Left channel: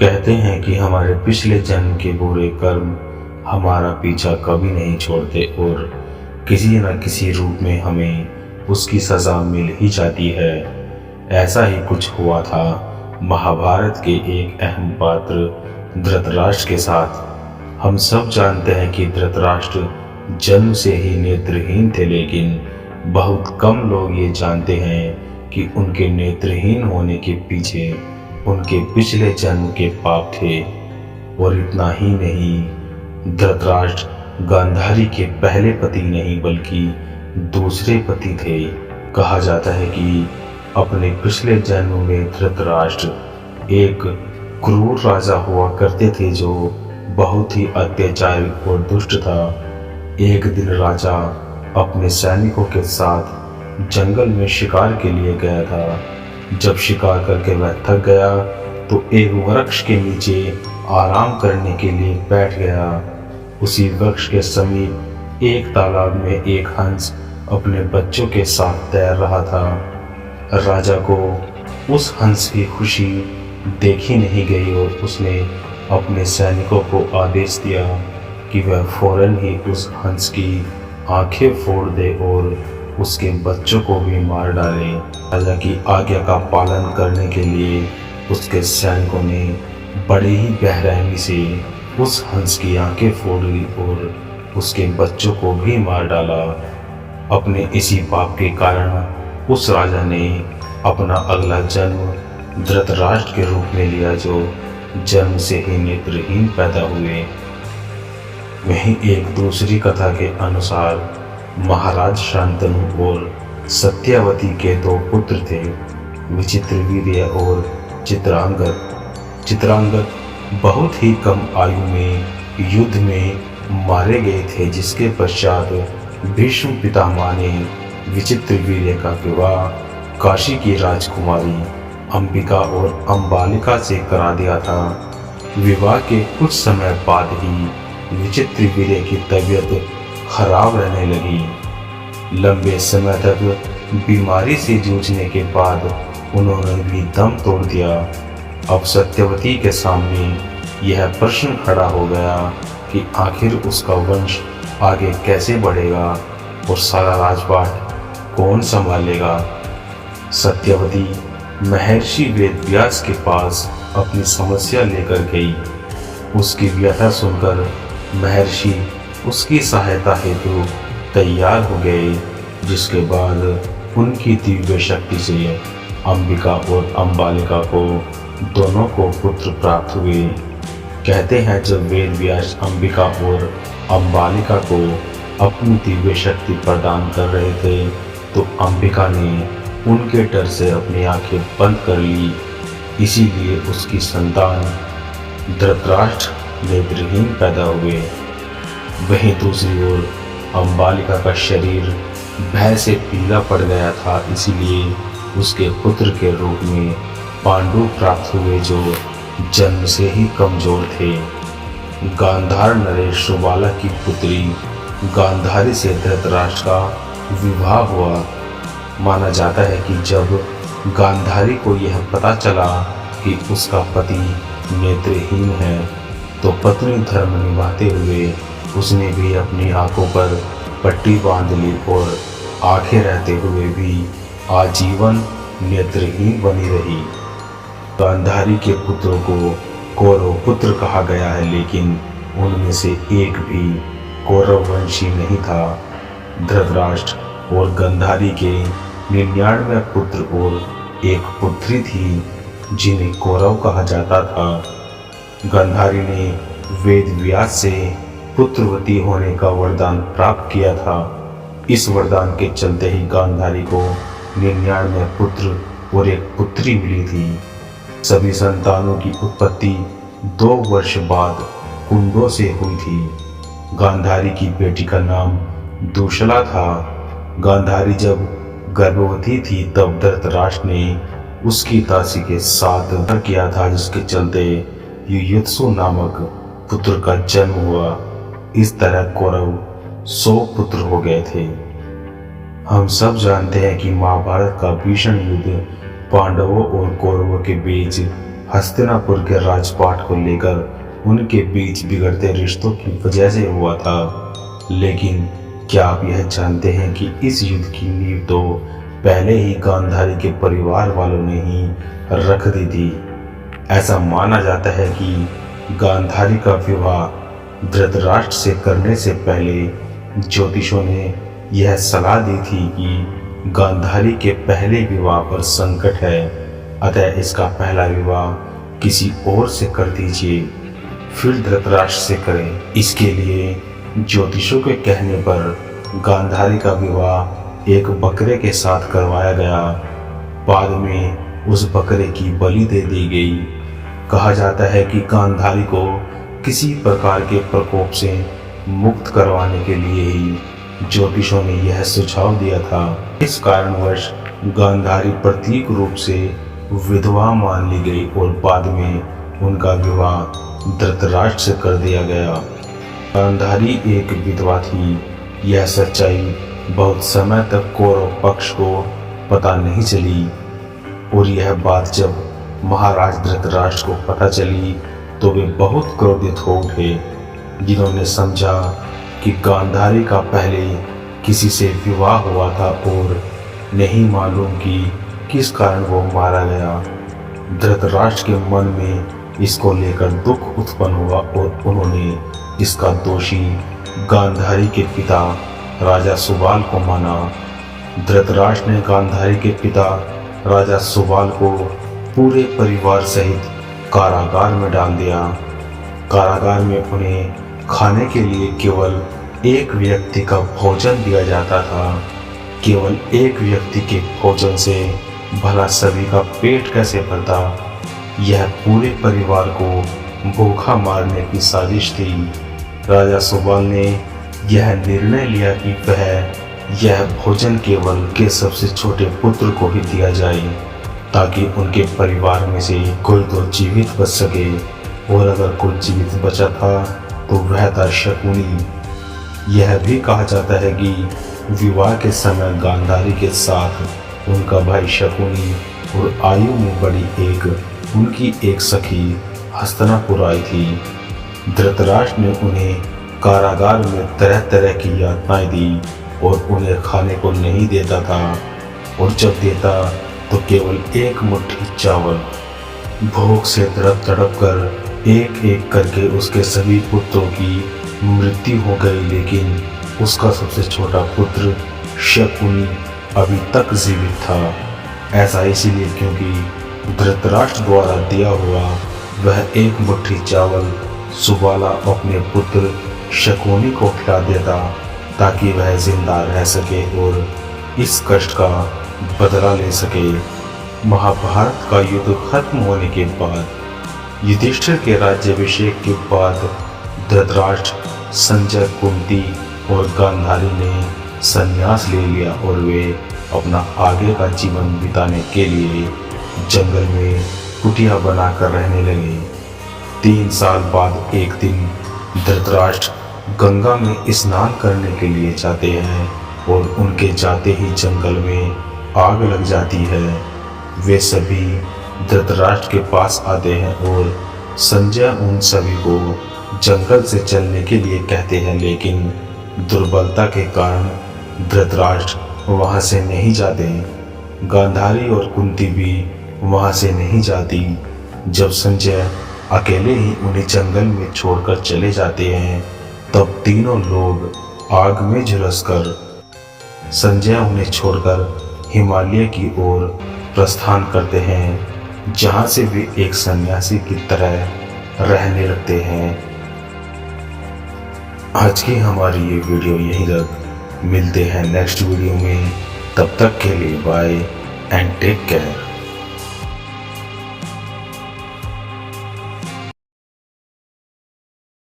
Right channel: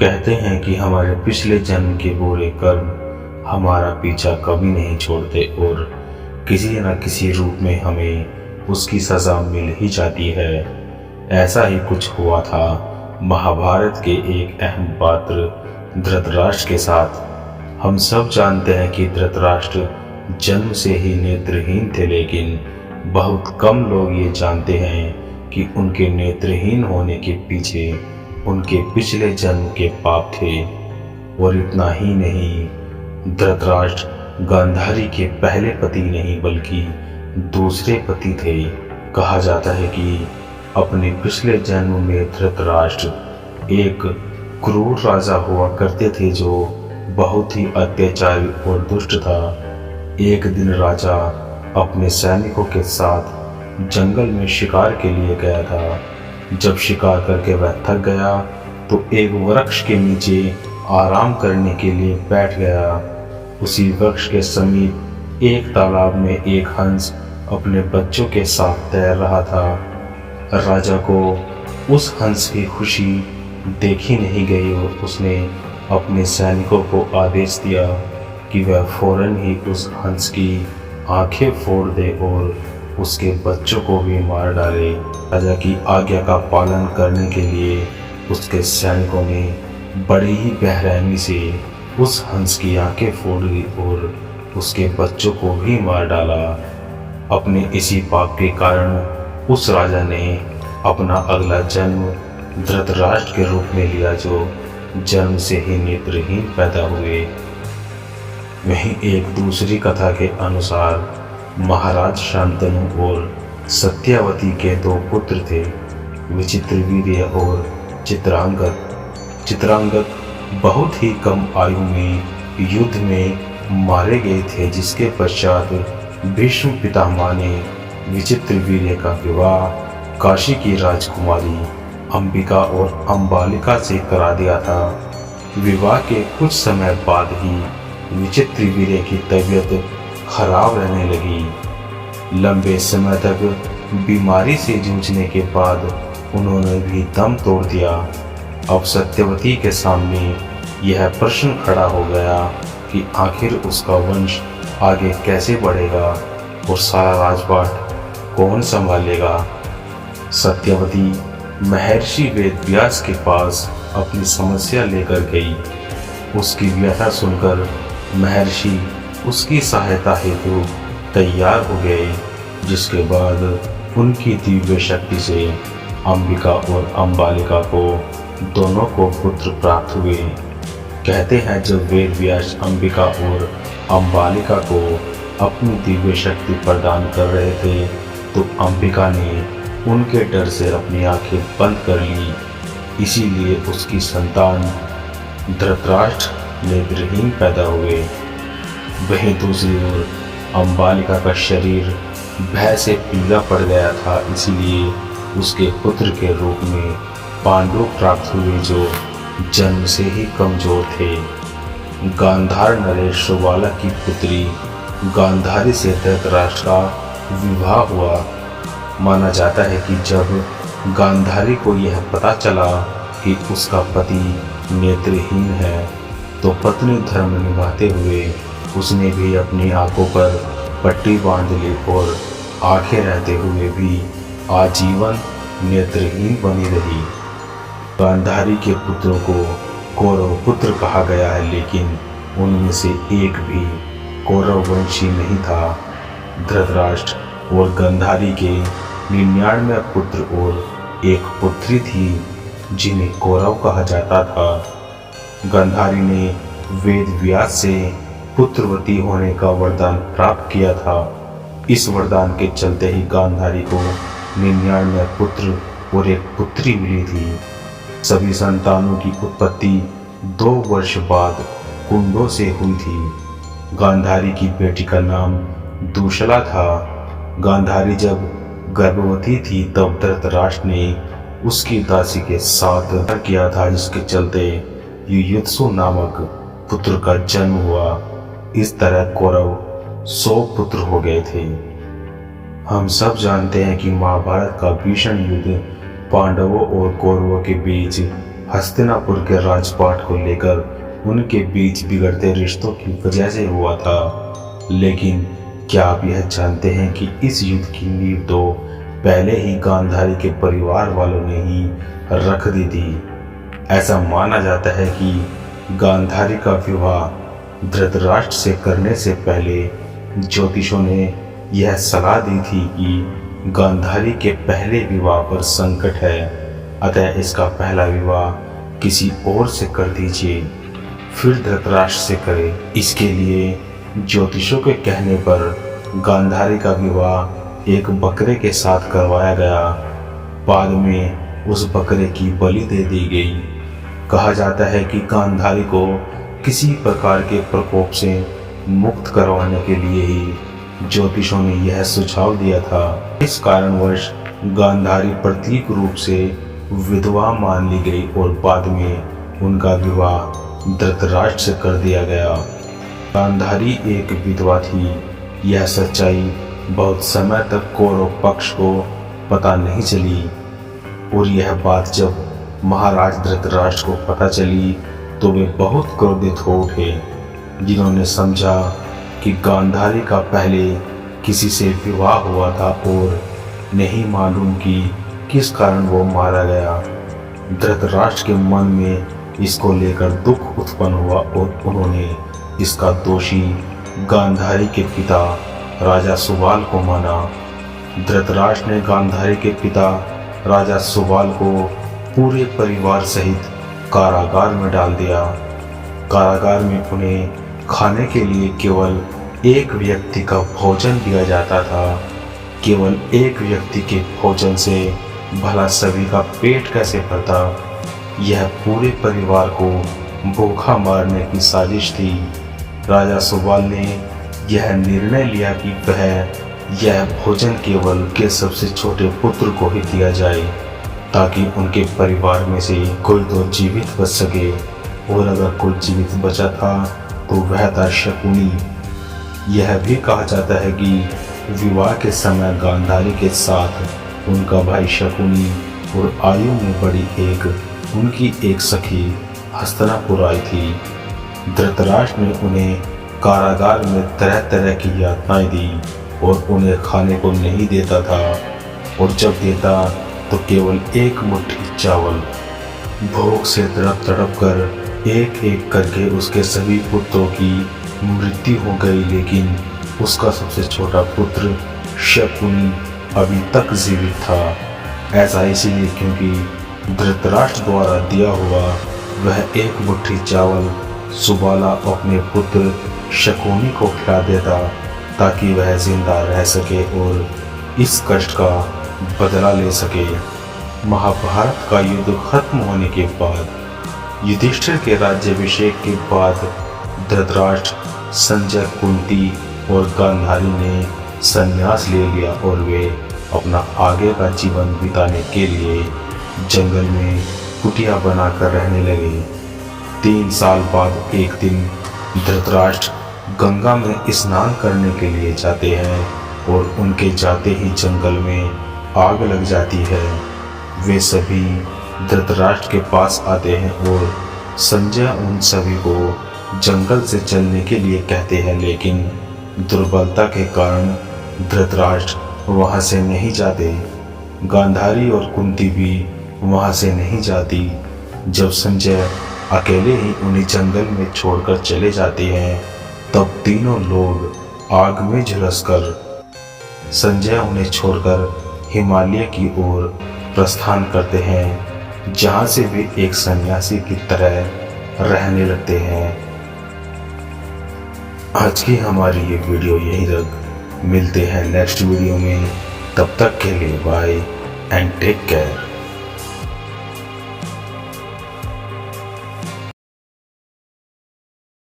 कहते हैं कि हमारे पिछले जन्म के बुरे कर्म हमारा पीछा कभी नहीं छोड़ते और किसी न किसी रूप में हमें उसकी सज़ा मिल ही जाती है। ऐसा ही कुछ हुआ था महाभारत के एक अहम पात्र धृतराष्ट्र के साथ। हम सब जानते हैं कि धृतराष्ट्र जन्म से ही नेत्रहीन थे, लेकिन बहुत कम लोग ये जानते हैं कि उनके नेत्रहीन होने के पीछे उनके पिछले जन्म के पाप थे। और इतना ही नहीं, धृतराष्ट्र गांधारी के पहले पति नहीं बल्कि दूसरे पति थे। कहा जाता है कि अपने पिछले जन्म में धृतराष्ट्र एक क्रूर राजा हुआ करते थे जो बहुत ही अत्याचारी और दुष्ट था। एक दिन राजा अपने सैनिकों के साथ जंगल में शिकार के लिए गया था। जब शिकार करके वह थक गया तो एक वृक्ष के नीचे आराम करने के लिए बैठ गया। उसी वृक्ष के समीप एक तालाब में एक हंस अपने बच्चों के साथ तैर रहा था। राजा को उस हंस की खुशी देखी नहीं गई और उसने अपने सैनिकों को आदेश दिया कि वह फौरन ही उस हंस की आंखें फोड़ दे और उसके बच्चों को भी मार डाले। राजा की आज्ञा का पालन करने के लिए उसके सैनिकों ने बड़े ही बेरहमी से उस हंस की आंखें फोड़ दी और उसके बच्चों को भी मार डाला। अपने इसी पाप के कारण उस राजा ने अपना अगला जन्म धृतराष्ट्र के रूप में लिया, जो जन्म से ही नेत्रहीन पैदा हुए। वहीं एक दूसरी कथा के अनुसार महाराज शांतनु और सत्यवती के दो पुत्र थे, विचित्रवीर्य और चित्रांगद बहुत ही कम आयु में युद्ध में मारे गए थे, जिसके पश्चात भीष्म पितामह ने विचित्रवीर्य का विवाह काशी की राजकुमारी अंबिका और अंबालिका से करा दिया था। विवाह के कुछ समय बाद ही विचित्रवीर्य की तबीयत खराब रहने लगी। लंबे समय तक बीमारी से जूझने के बाद उन्होंने भी दम तोड़ दिया। अब सत्यवती के सामने यह प्रश्न खड़ा हो गया कि आखिर उसका वंश आगे कैसे बढ़ेगा और सारा राजपाट कौन संभालेगा। सत्यवती महर्षि वेदव्यास के पास अपनी समस्या लेकर गई। उसकी व्यथा सुनकर महर्षि उसकी सहायता हेतु तैयार हो गए, जिसके बाद उनकी दिव्य शक्ति से अंबिका और अंबालिका को दोनों को पुत्र प्राप्त हुए। कहते हैं जब वेदव्यास अंबिका और अंबालिका को अपनी दिव्य शक्ति प्रदान कर रहे थे तो अंबिका ने उनके डर से अपनी आंखें बंद कर ली, इसीलिए उसकी संतान धृतराष्ट्र नेत्रहीन पैदा हुए। वहीं दूसरी ओर अंबालिका का शरीर भय से पीला पड़ गया था, इसीलिए उसके पुत्र के रूप में पांडु प्राप्त हुए, जो जन्म से ही कमजोर थे। गांधार नरेश सुबाला की पुत्री गांधारी से धृतराष्ट्र का विवाह हुआ। माना जाता है कि जब गांधारी को यह पता चला कि उसका पति नेत्रहीन है तो पत्नी धर्म निभाते हुए उसने भी अपनी आंखों पर पट्टी बांध ली और आंखें रहते हुए भी आजीवन नेत्रहीन बनी रही। गांधारी के पुत्रों को कौरव पुत्र कहा गया है, लेकिन उनमें से एक भी कौरव वंशी नहीं था। धृतराष्ट्र और गांधारी के 99 पुत्र और एक पुत्री थी, जिन्हें कौरव कहा जाता था। गांधारी ने वेदव्यास से पुत्रवती होने का वरदान प्राप्त किया था। इस वरदान के चलते ही गांधारी को 99 पुत्र और एक पुत्री मिली थी। सभी संतानों की उत्पत्ति 2 वर्ष बाद कुंडों से हुई थी। गांधारी की बेटी का नाम दूशला था। गांधारी जब गर्भवती थी तब धृतराष्ट्र ने उसकी दासी के साथ किया था, जिसके चलते युयुत्सु नामक पुत्र का जन्म हुआ। इस तरह कौरव 100 पुत्र हो गए थे। हम सब जानते हैं कि महाभारत का भीषण युद्ध पांडवों और कौरवों के बीच हस्तिनापुर के राजपाट को लेकर उनके बीच बिगड़ते रिश्तों की वजह से हुआ था। लेकिन क्या आप यह जानते हैं कि इस युद्ध की नींव तो पहले ही गांधारी के परिवार वालों ने ही रख दी थी। ऐसा माना जाता है कि गांधारी का विवाह धृतराष्ट्र से करने से पहले ज्योतिषों ने यह सलाह दी थी कि गांधारी के पहले विवाह पर संकट है, अतः इसका पहला विवाह किसी और से कर दीजिए, फिर धृतराष्ट्र से करें। इसके लिए ज्योतिषों के कहने पर गांधारी का विवाह एक बकरे के साथ करवाया गया। बाद में उस बकरे की बलि दे दी गई। कहा जाता है कि गांधारी को किसी प्रकार के प्रकोप से मुक्त करवाने के लिए ही ज्योतिषों ने यह सुझाव दिया था। इस कारणवश गांधारी प्रतीक रूप से विधवा मान ली गई और बाद में उनका विवाह धृतराष्ट्र से कर दिया गया। गांधारी एक विधवा थी। यह सच्चाई बहुत समय तक कौरव पक्ष को पता नहीं चली और यह बात जब महाराज धृतराष्ट्र को पता चली तो वे बहुत क्रोधित हो उठे, जिन्होंने समझा कि गांधारी का पहले किसी से विवाह हुआ था और नहीं मालूम कि किस कारण वो मारा गया। धृतराष्ट्र के मन में इसको लेकर दुख उत्पन्न हुआ और उन्होंने इसका दोषी गांधारी के पिता राजा सुबाल को माना। धृतराष्ट्र ने गांधारी के पिता राजा सुबाल को पूरे परिवार सहित कारागार में डाल दिया। कारागार में उन्हें खाने के लिए केवल एक व्यक्ति का भोजन दिया जाता था। केवल एक व्यक्ति के भोजन से भला सभी का पेट कैसे भरता? यह पूरे परिवार को भूखा मारने की साजिश थी। राजा सुबाल ने यह निर्णय लिया कि वह यह भोजन केवल के सबसे छोटे पुत्र को ही दिया जाए, ताकि उनके परिवार में से कोई तो जीवित बच सके, और अगर कोई जीवित बचा था तो वह था शकुनी। यह भी कहा जाता है कि विवाह के समय गांधारी के साथ उनका भाई शकुनी और आयु में बड़ी उनकी एक सखी हस्तिनापुर आई थी। धृतराष्ट्र ने उन्हें कारागार में तरह तरह की यातनाएं दी और उन्हें खाने को नहीं देता था, और जब देता तो केवल एक मुट्ठी चावल। भूख से तड़प तड़प कर एक एक करके उसके सभी पुत्रों की मृत्यु हो गई, लेकिन उसका सबसे छोटा पुत्र शकुनी अभी तक जीवित था। ऐसा इसीलिए क्योंकि धृतराष्ट्र द्वारा दिया हुआ वह एक मुट्ठी चावल सुबाला अपने पुत्र शकुनी को खिला देता, ताकि वह जिंदा रह सके और इस कष्ट का बदला ले सके। महाभारत का युद्ध खत्म होने के बाद युधिष्ठिर के राज्याभिषेक के बाद धृतराष्ट्र, संजय, कुंती और गांधारी ने संन्यास ले लिया और वे अपना आगे का जीवन बिताने के लिए जंगल में कुटिया बनाकर रहने लगे। 3 साल बाद एक दिन धृतराष्ट्र गंगा में स्नान करने के लिए जाते हैं और उनके जाते ही जंगल में आग लग जाती है। वे सभी धृतराष्ट्र के पास आते हैं और संजय उन सभी को जंगल से चलने के लिए कहते हैं, लेकिन दुर्बलता के कारण धृतराष्ट्र वहां से नहीं जाते। गांधारी और कुंती भी वहां से नहीं जाती। जब संजय अकेले ही उन्हें जंगल में छोड़कर चले जाते हैं, तब तीनों लोग आग में झुलसकर संजय उन्हें छोड़कर हिमालय की ओर प्रस्थान करते हैं, जहां से वे एक सन्यासी की तरह रहने लगते हैं। आज की हमारी ये वीडियो यहीं तक। मिलते हैं नेक्स्ट वीडियो में। तब तक के लिए बाय एंड टेक केयर।